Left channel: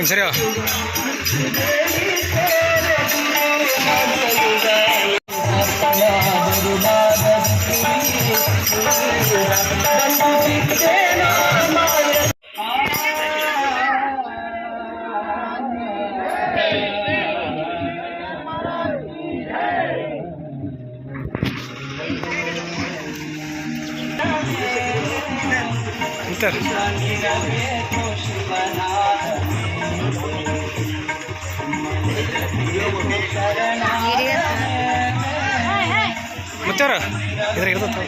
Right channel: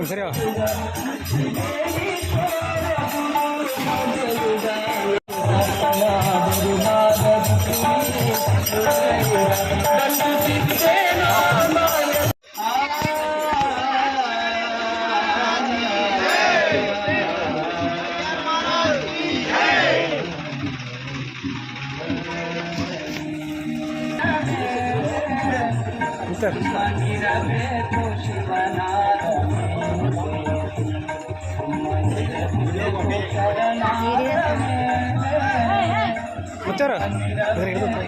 Sir ಮುತ್ತವ್ರ ಇದ್ರಾಗ ಮತ್ತೆ ಇದ್ರ ಇರ್ತದ.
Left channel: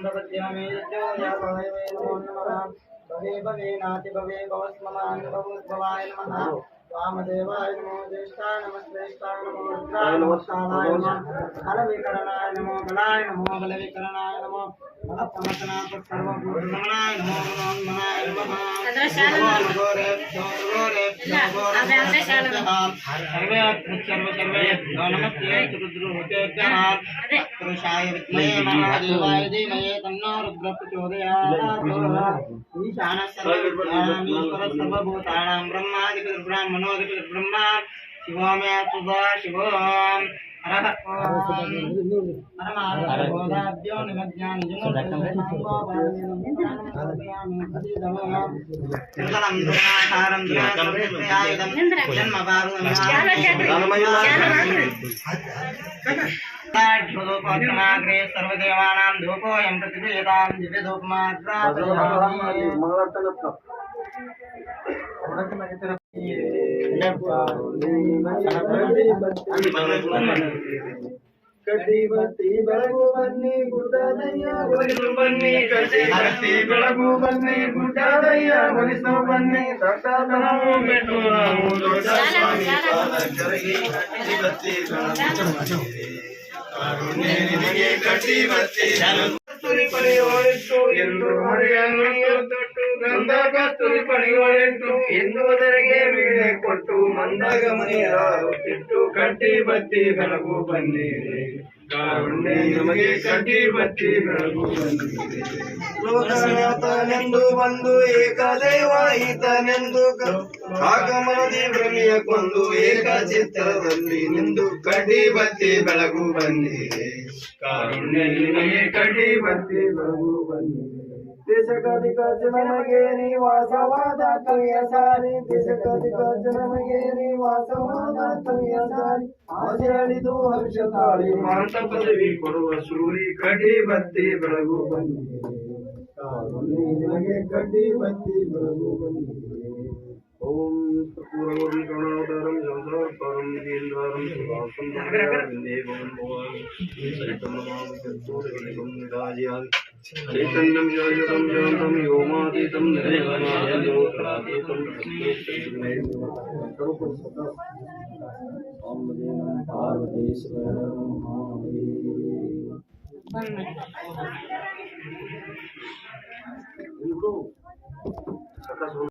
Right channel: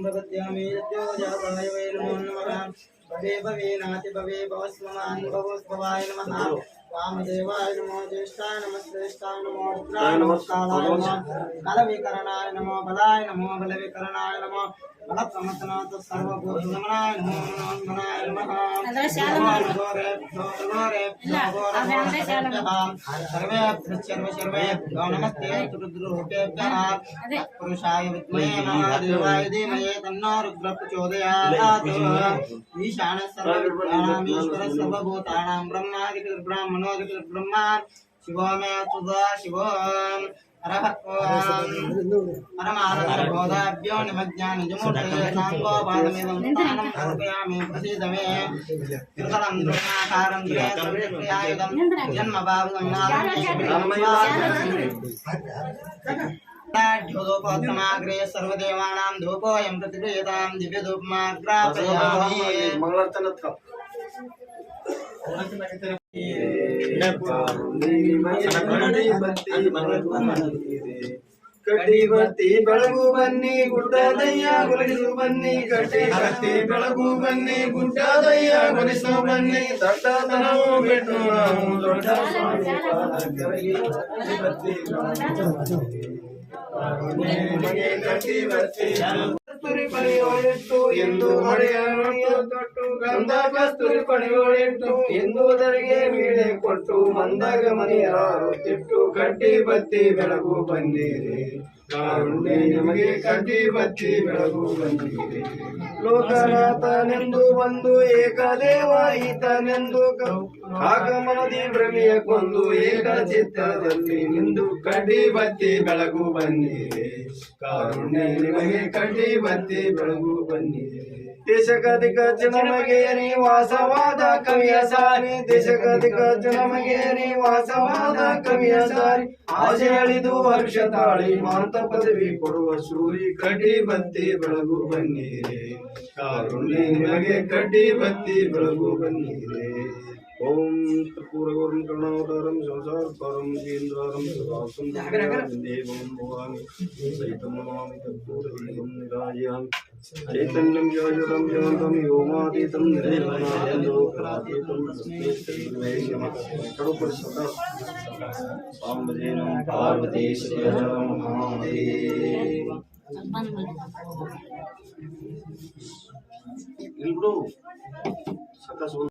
రెడీ भवत्यामे यद्योजाभाय वै नमो नमः भवे भवे नाति भवे भवस्ममान् भवोद्भवाय नमः वामदेवाय नमो ज्येष्ठाय नमः श्रेष्ठाय नमो रुद्राय नमो कालाय नमः बलविकरणाय नमो बलाय नमो बलविकरणाय नमो ब्रह्मा विद्महे शिव मे तुदा పరమారభోదాభ్యో నిమజ్ఞానిజమూర్తయామి ప్రసీదమే నిర్మలం దుర్మాకారం దురాకారం జన్మ భారతం ధూపోత్తమాగ్రే సర్వదేవానాం ధూపోయం పృథివీతాం ಕಟ್ಟಿ ಬರ್ತಿ ಬೆಳಗು ಬನ್ನಿ ಗುಡ್ಡದಯ್ಯ ಗುಲಗಿಸು ಬನ್ನಿ ಕಟ್ಟಿ ಬರ್ತಿ ಬೆಳಗು ಬನ್ನಿ ಗುಡ್ಡದಯ್ಯ ಗುಲಿಸು ಬನ್ನಿ ದೊಡ್ಡತನವು ಬಿಟ್ಟು ನಾವು ದೊಡ್ಡ ಸ್ವಾಮಿ ಕರಗಿ ಕಟ್ಟಿ ಬರ್ತಿ ಬೆಳಗು ಕಟ್ಟಿ ಬರ್ತಿ ಎಂದು ಮರೆಯನ್ನು ದೊಡ್ಡ ಗಂಧ ಕಸ್ತೂರಿ ಪಡೆಯೋಳಿಟ್ಟು ಎಂದುವುದರಿಗೆ ವೀಣೆ ಕೊಟ್ಟು ಮಂದಾಗ ಮನೆಯಾರು ತಿಟ್ಟು ಕಡ್ಡಿ ಬತ್ತಿ ಬೆಳಗು ಬಂದಿದೆ. ಕಾರುಣ್ಯ ನಮಗೆ ಕಡ್ಡಿ ಬತ್ತಿ ಬೆಳಗು ಬಂದಿದೆ. ಲೋಕನಾಥನೆಂದು ಬಂದು ಏಕದೇವ ಈತನೆಂದು ಆಗಮನದಿ ಭ್ರಮೆಯ ಕೊಂದು ಏಕ ಚಿತ್ರದಲ್ಲಿ ನಿಂದು ಕಡ್ಡಿ ಬತ್ತಿ ಬೆಳಗು ಬಂದಿದೆ. ಕಾರುಣ್ಯ ನಮಗೆ ಕಡ್ಡಿ ಬತ್ತಿ ಬೆಳಗು ಬಂದಿದೆ. ನಮಗೆ ವಾಸವಾದ ಕವಿಯ ಸಾರಿ. ನಮಗೆ ವಾಸವಾದ ಕವಿಯ ಸಾರಿ. ಆಸೆ ಅಳಿದು ಹರ್ಷ ತಾಳಿ ಮಾಂತ ಪದವಿ ಕೊಡುವ ಸೂರಿ ಕಡ್ಡಿ ಬತ್ತಿ ಬೆಳಗು ಬನ್ನಿರೆ. ಕಾರುಣ್ಯ ನಿಮಗೆ ಕಡ್ಡಿ ಬತ್ತಿ ಬೆಳಗು ओम त्रिपुरगौरम करुणावतारम संसार परम दीनदारम सुभाषम वंदे भवन। भवामि सहितं नमामि कद्दूरगलिकं निराजयामि चैतन्यं जागृतं जानतं योमातीतं निर्मलातीतं तस्मै नमः सर्वपुरुषतः साम्बजे नमः पार्वतीश्वर। नमः Libro, sacas un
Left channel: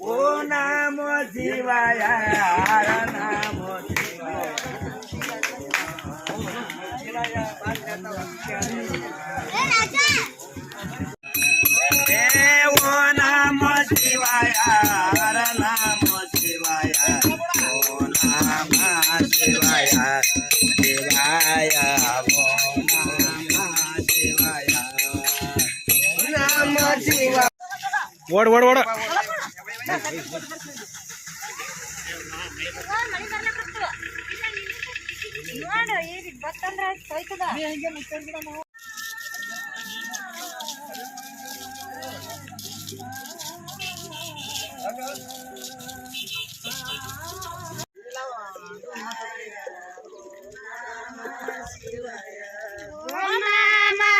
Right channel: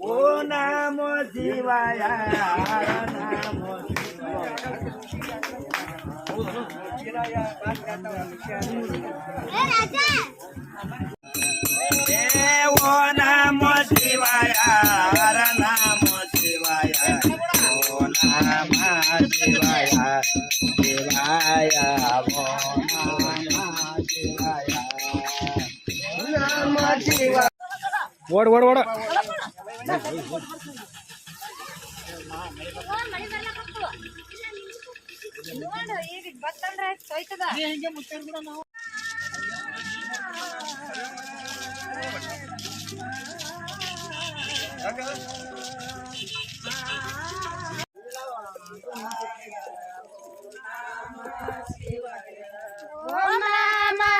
ઓ નામો શિવાય નામો શિવાય वड़ वड़ वड़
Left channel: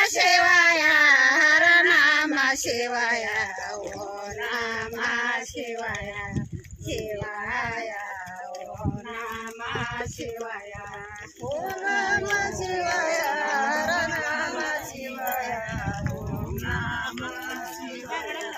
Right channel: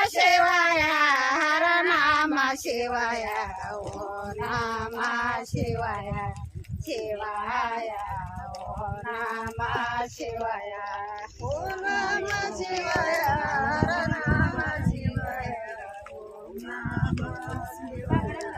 Shivaya Shivaya शिवाया शिवाया ओ नामा शिवाया ओम नामा शिवाया नामा शिवाया ओम नामा शिवाया.